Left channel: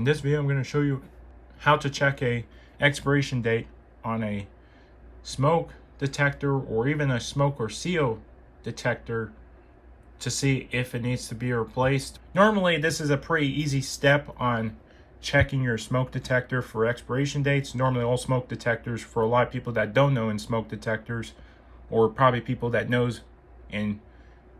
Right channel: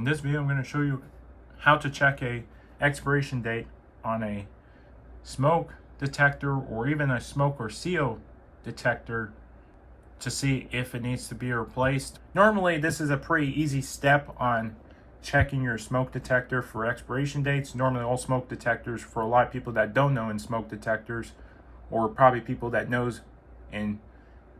In this video, I'm going to show you how to check a expiration date on a smoke detector or even a smoke or CO detector to see if it needs to be replaced. Normally, this is a pretty easy step on checking your smoke detector for expiration dates. Normally, all smoke detectors, for a lot of people that don't know in smoke detectors, or probably people that knows in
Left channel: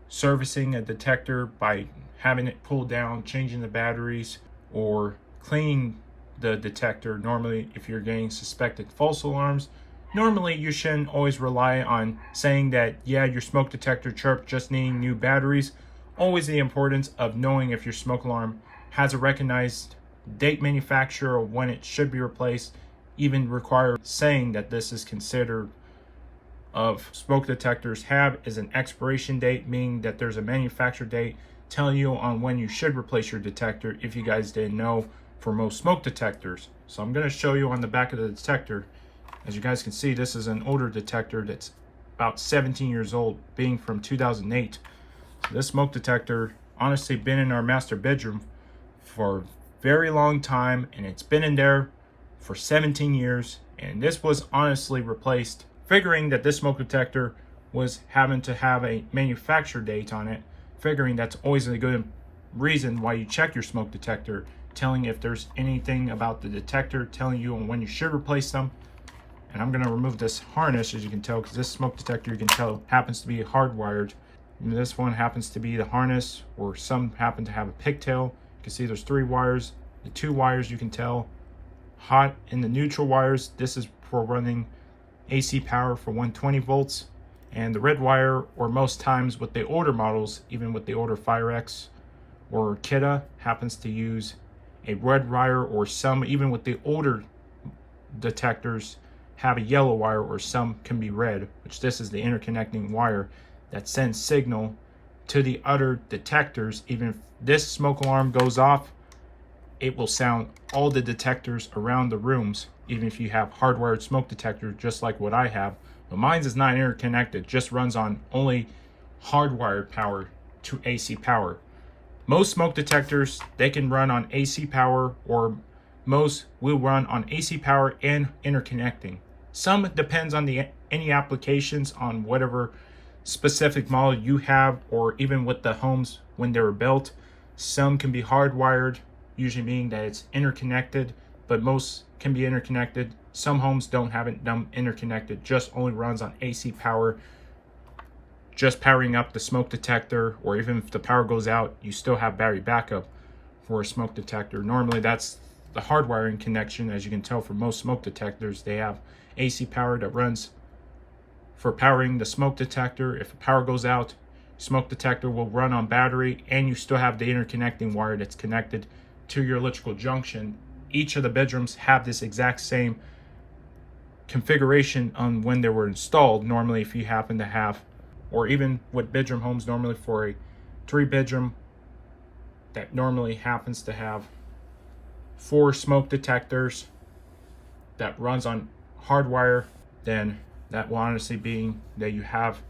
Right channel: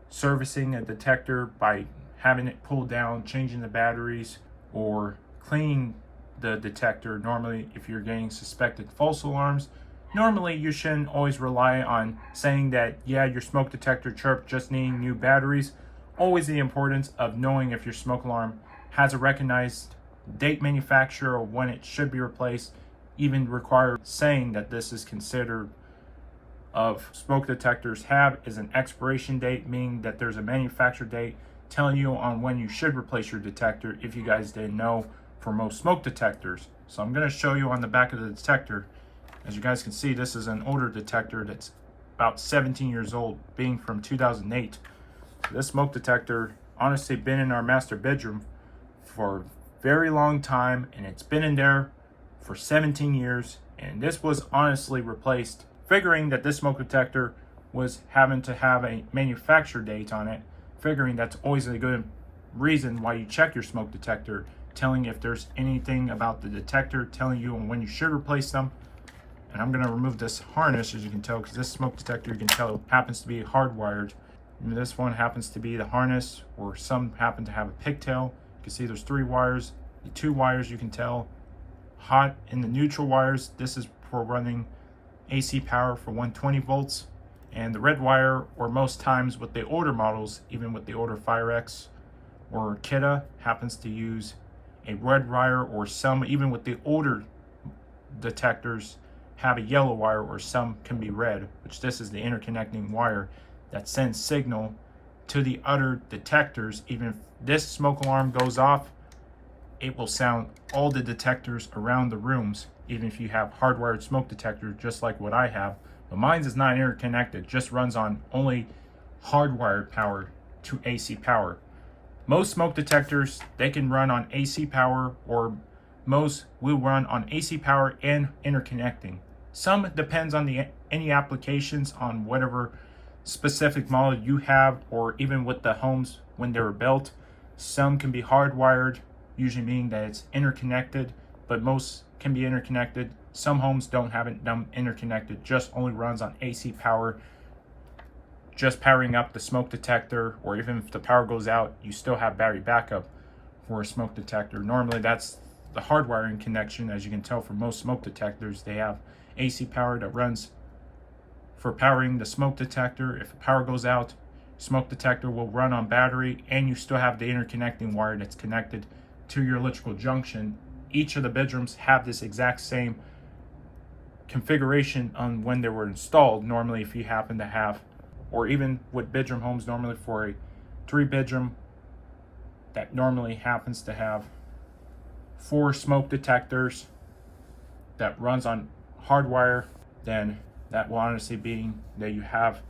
servicing a detector by having it pulled down, changing the batteries, or cleaning the detector. Normally, if you're getting suspected false alarms, normally you shouldn't always rely on saying that, yeah, your smoke detector chirped, just needing new batteries. Always the importance of knowing if your smoke alarm has a recognized date manufacturer or when it should be replaced, even require saying that this is considered of smoke detectors have is an expiration date, meaning that there's a manufacturer date telling you on when you should replace your detector, if you guys didn't know, for most smoke detectors. So I'm going to show you on the back of the detector. As you guys can see, this is an older detector that's about 17 years old, being from 2008. So this smoke detector honestly been in our master bedroom for a very long time, and it's been in there for 17 years, and this was honestly replaced, figuring that this smoke detector was having to have a manufacturer date on it, figuring that's always a good reason why you check your smoke detector, telling if there's anything about the detector, telling you on when you should replace them. And I'm going to remove this harness, as you can tell, because this smoke detector, you can tell, happens to be hardwired. And this one happens to be the harness, or some happen to have a pigtail. You can see there's 3 wires. The 2 wires, you can tell, hot in the neutral wires. This is for running AC power for 120 volts. And the red wire, or most times with the older models, even with the older FireX or Kidda, happens to use a red wire, or some, even with the older detectors, have a yellow wire, or some can be red, which this is the interconnecting wire that sends signal to the other detectors. Even if this smoke alarm goes off, it will sound all the detectors around the rooms, even if you have hardwired smoke detectors just like what I have. But mine is not interconnected, just runs on only hardwired power to AC power. Most smoke detectors, they can run on AC power, or most will run on AC power and interconnecting. Some depends on any applications, on whatever specific model you have, or even with the homes when they were built. Some can be hardwired, usually meaning that it's interconnected, but most can be interconnected. Some homes don't have it done interconnected, just only runs on AC power, just powering up the smoke detector, or even if the power goes out, you still have battery backup for a smoke detector. Normally that's the hardwiring connection. As you can tell, for most smoke detectors, they have AC power that runs for powering the smoke detector. If the power goes out, smoke detector will run on battery, and you still have the interconnecting wire that's connected to your electrical junction. Each of the bedrooms have this exact same configuration on when they were installed. Normally, if you happen to have, or even with bedroom homes, normally for a 3-bedroom, that normally happens to have 4 smoke detectors that runs on hardwire, then that will honestly be that you have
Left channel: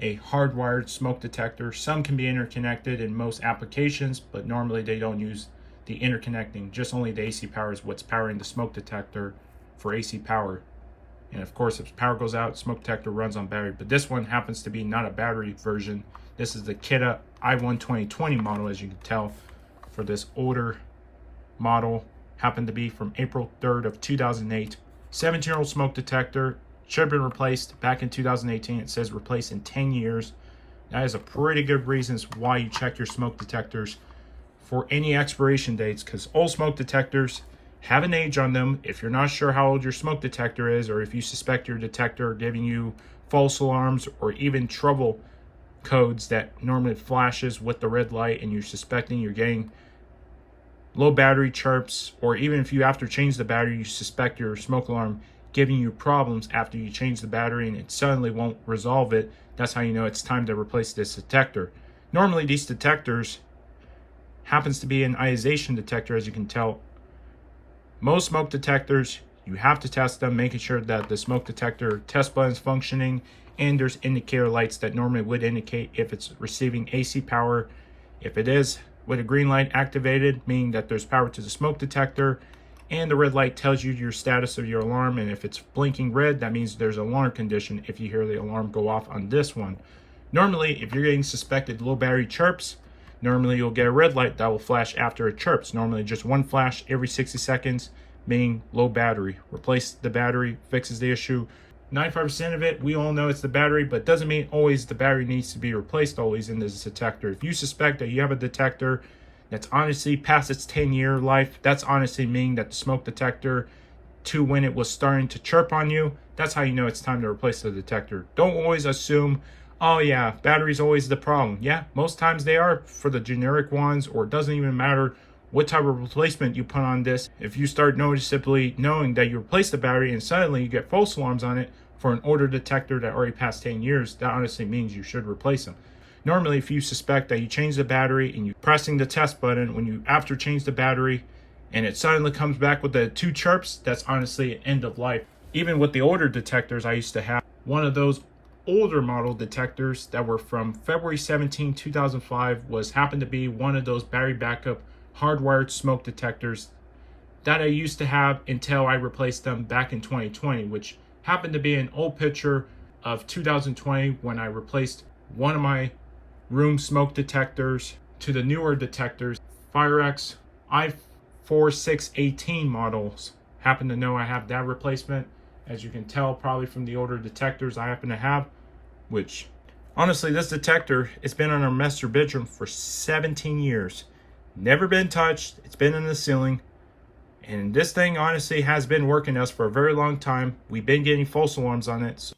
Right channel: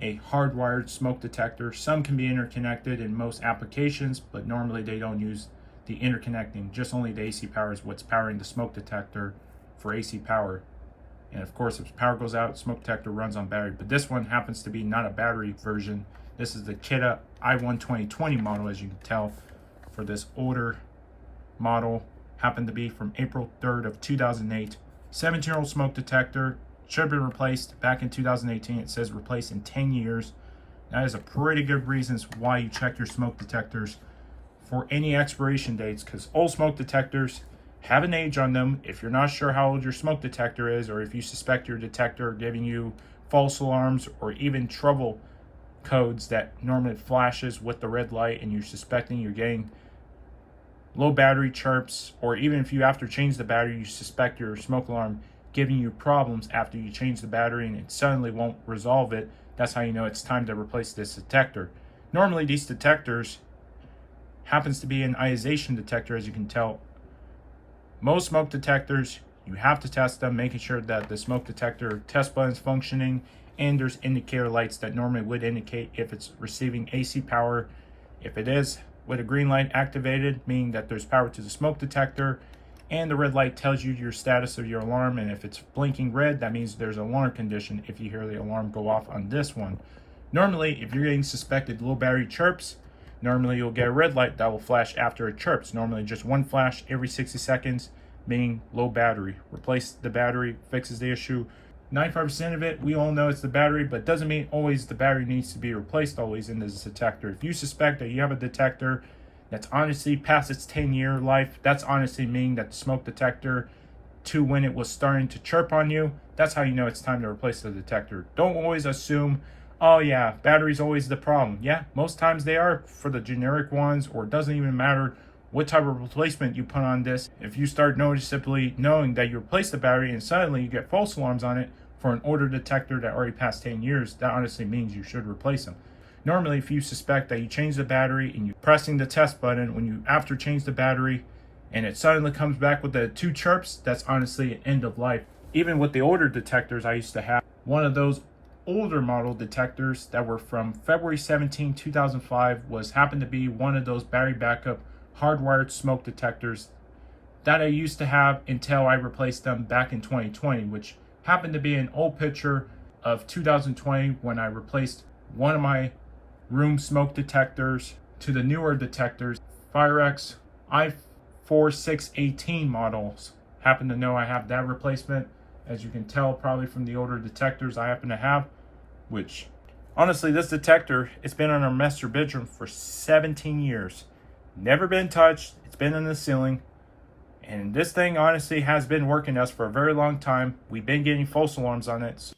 a hardwired smoke detector. Some can be interconnected in most applications, but normally they don't use the interconnecting. Just only the AC power is what's powering the smoke detector for AC power. And of course, if the power goes out, smoke detector runs on battery. But this one happens to be not a battery version. This is the Kidda i1 2020 model, as you can tell, for this older model. Happened to be from April 3rd of 2008. 17-year-old smoke detector, should have been replaced back in 2018. It says replaced in 10 years. That is a pretty good reasons why you check your smoke detectors for any expiration dates, because old smoke detectors have an age on them. If you're not sure how old your smoke detector is, or if you suspect your detector giving you false alarms, or even trouble codes that normally flashes with the red light, and you're suspecting you're getting low battery chirps, or even if you, after change the battery, you suspect your smoke alarm giving you problems after you change the battery and it suddenly won't resolve it, that's how you know it's time to replace this detector. Normally these detectors happens to be an ionization detector. As you can tell, most smoke detectors, you have to test them, making sure that the smoke detector test button is functioning, and there's indicator lights that normally would indicate if it's receiving AC power. If it is with a green light activated, meaning that there's power to the smoke detector, and the red light tells you your status of your alarm, and if it's blinking red, that means there's an alarm condition if you hear the alarm go off on this one. Normally, if you're getting suspected low battery chirps, normally you'll get a red light that will flash after it chirps. Normally just one flash every 60 seconds, meaning low battery. Replace the battery, fixes the issue. 95% of it, we all know it's the battery, but doesn't mean always the battery needs to be replaced always in this detector. If you suspect that you have a detector that's honestly past its 10-year life, that's honestly meaning that the smoke detector to when it was starting to chirp on you, that's how you know it's time to replace the detector. Don't always assume, oh yeah, battery's always the problem. Yeah, most times they are for the generic ones, or it doesn't even matter what type of replacement you put on this. If you start noticeably knowing that you replaced the battery and suddenly you get false alarms on it for an older detector that already passed 10 years, that honestly means you should replace them. Normally, if you suspect that you change the battery and you pressing the test button when you after change the battery and it suddenly comes back with the 2 chirps, that's honestly an end of life. Even with the older detectors I used to have, one of those older model detectors that were from February 17, 2005 happened to be one of those battery backup hardwired smoke detectors that I used to have until I replaced them back in 2020, which happened to be an old picture of 2020 when I replaced one of my room smoke detectors to the newer detectors, Firex i4618 models. Happen to know I have that replacement, as you can tell probably from the older detectors I happen to have, which honestly this detector, it's been in our master bedroom for 17 years. Never been touched, it's been in the ceiling. And this thing honestly has been working us for a very long time. We've been getting false alarms on it.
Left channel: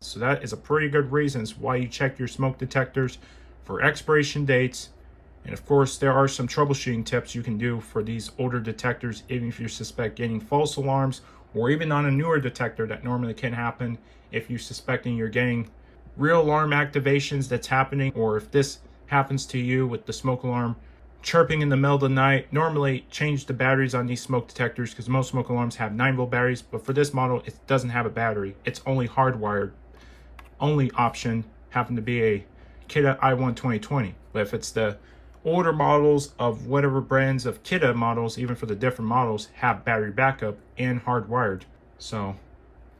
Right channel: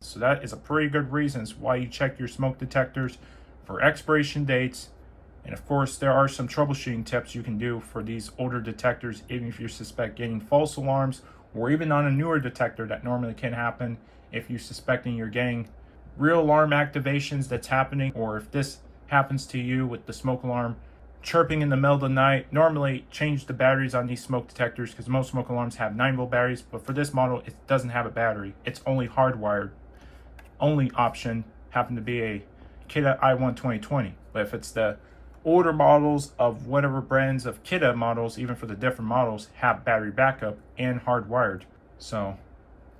So that is a pretty good reasons why you check your smoke detectors for expiration dates. And of course, there are some troubleshooting tips you can do for these older detectors, even if you suspect getting false alarms, or even on a newer detector that normally can happen if you're suspecting you're getting real alarm activations that's happening, or if this happens to you with the smoke alarm chirping in the middle of the night. Normally change the batteries on these smoke detectors because most smoke alarms have 9-volt batteries, but for this model it doesn't have a battery. It's only hardwired. Only option happened to be a Kidde i1 2020. But if it's the older models of whatever brands of Kidde models, even for the different models, have battery backup and hardwired, so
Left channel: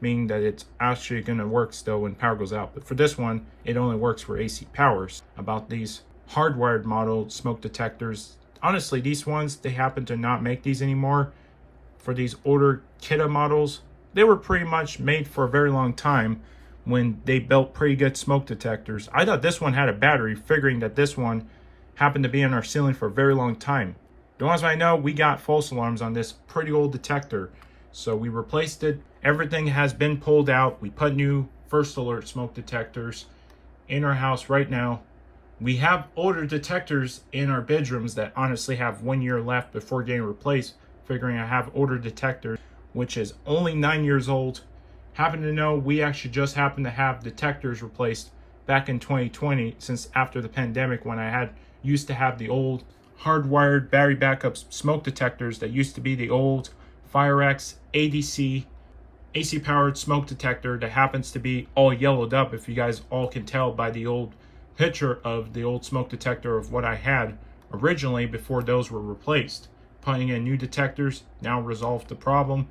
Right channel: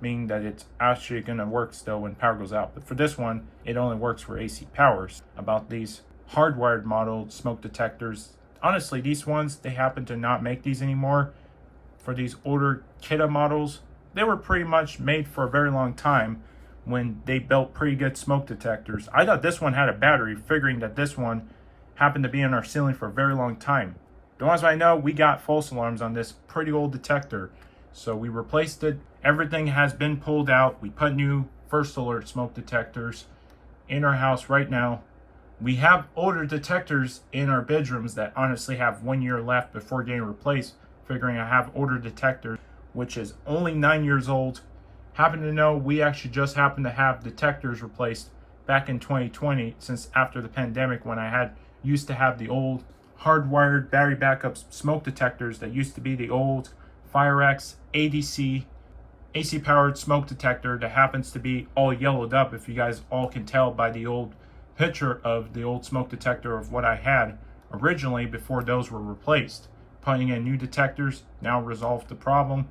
meaning that it's actually going to work still when power goes out. But for this one, it only works for AC powers. About these hardwired model smoke detectors, honestly these ones, they happen to not make these anymore. For these older Kidde models, they were pretty much made for a very long time when they built pretty good smoke detectors. I thought this one had a battery, figuring that this one happened to be in our ceiling for a very long time. The ones I know, we got false alarms on this pretty old detector, so we replaced it. Everything has been pulled out. We put new first alert smoke detectors in our house right now. We have older detectors in our bedrooms that honestly have 1 year left before getting replaced, figuring I have older detectors, which is only 9 years old. Happen to know we actually just happen to have detectors replaced back in 2020, since after the pandemic, when I used to have the old hardwired battery backup smoke detectors that used to be the old Firex ADC AC powered smoke detector that happens to be all yellowed up, if you guys all can tell by the old picture of the old smoke detector of what I had originally before those were replaced. Putting in new detectors now resolved the problem,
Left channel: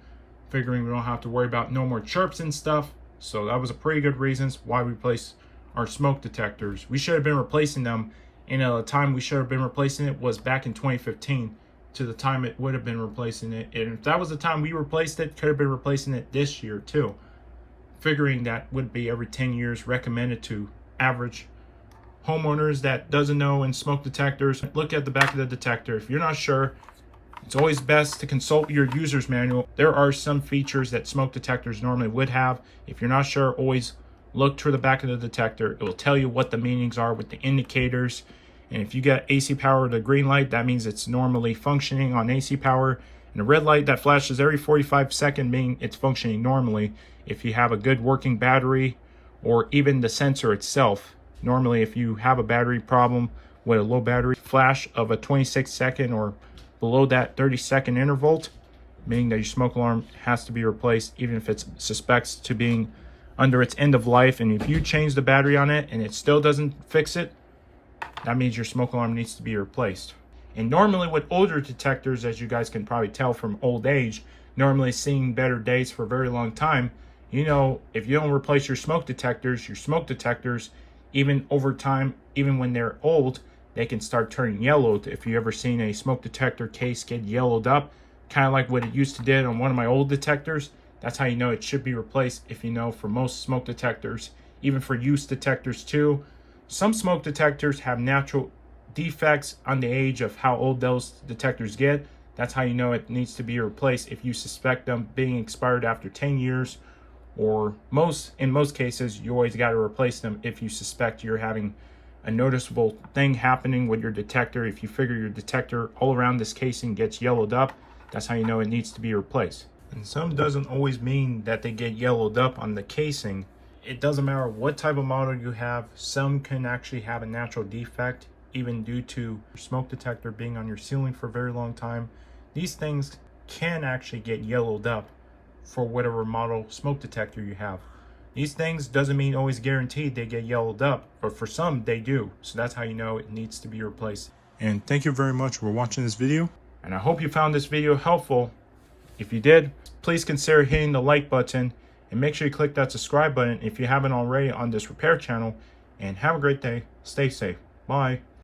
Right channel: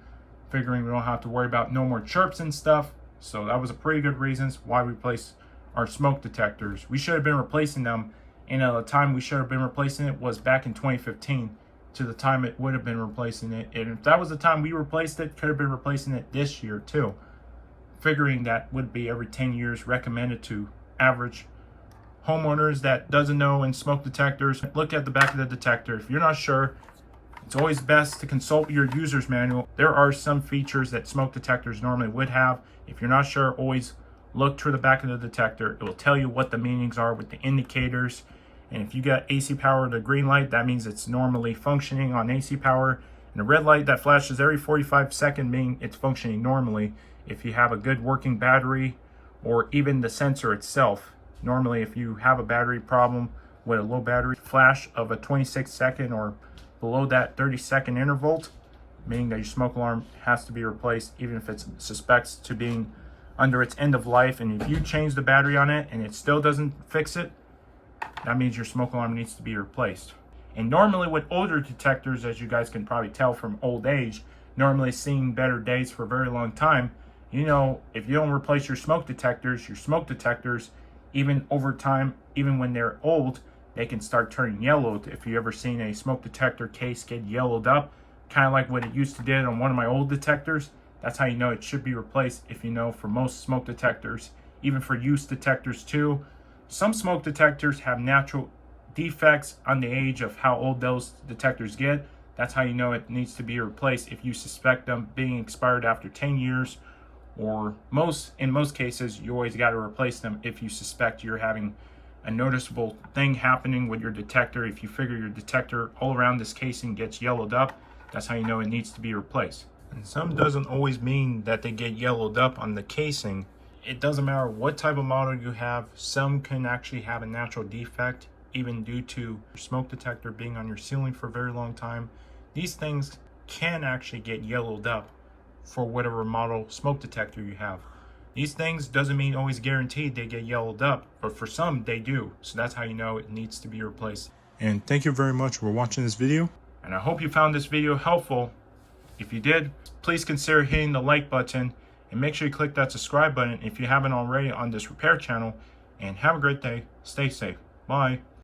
figuring we don't have to worry about no more chirps and stuff. So that was a pretty good reasons why we replaced our smoke detectors. We should have been replacing them, and the time we should have been replacing it was back in 2015 to the time it would have been replacing it. And if that was the time we replaced it, could have been replacing it this year too. Figuring that would be every 10 years recommended to average homeowners that doesn't know in smoke detectors. Look at the back of the detector. If you're not sure, it's always best to consult your user's manual. There are some features that smoke detectors normally would have. If you're not sure, always look to the back of the detector. It will tell you what the meanings are with the indicators. And if you get AC power, the green light, that means it's normally functioning on AC power. And the red light that flashes every 45 seconds, meaning it's functioning normally. If you have a good working battery, or even the sensor itself. Normally, if you have a battery problem with a low battery flash of a 26-second or below that 30-second interval, meaning that your smoke alarm has to be replaced, even if it suspects to being under its end of life, and if you change the battery on it and it still doesn't fix it, that means your smoke alarm needs to be replaced. And normally with older detectors, as you guys can probably tell from old age, normally seeing better days for a very long time, you know, if you don't replace your smoke detectors, even over time, even when they're old, they can start turning yellow. If you ever seen a smoke detector case get yellowed up, kind of like what it used to did on one of my old detectors, that's how you know it should be replaced. If you know, for most smoke detectors, even for use detectors too, some smoke detectors have natural defects on the age of how old those detectors get. That's how you know it needs to be replaced if you suspect them being expired after 10 years, or in most cases, you always got to replace them if you suspect you're having a noticeable thing happening with your detector. If you figure your detector all around this casing gets yellowed up, that's how you know it needs to be replaced. And some doesn't always mean that they get yellowed up on the casing. It doesn't matter what type of model you have. Some can actually have a natural defect, even due to your smoke detector being on your ceiling for a very long time. These things can actually get yellowed up for whatever model smoke detector you have. These things doesn't mean always guaranteed they get yellowed up, but for some they do. So that's how you know it needs to be replaced. And thank you very much for watching this video. And I hope you found this video helpful. If you did, please consider hitting the like button and make sure you click that subscribe button if you haven't already on this repair channel. And have a great day. Stay safe. Bye.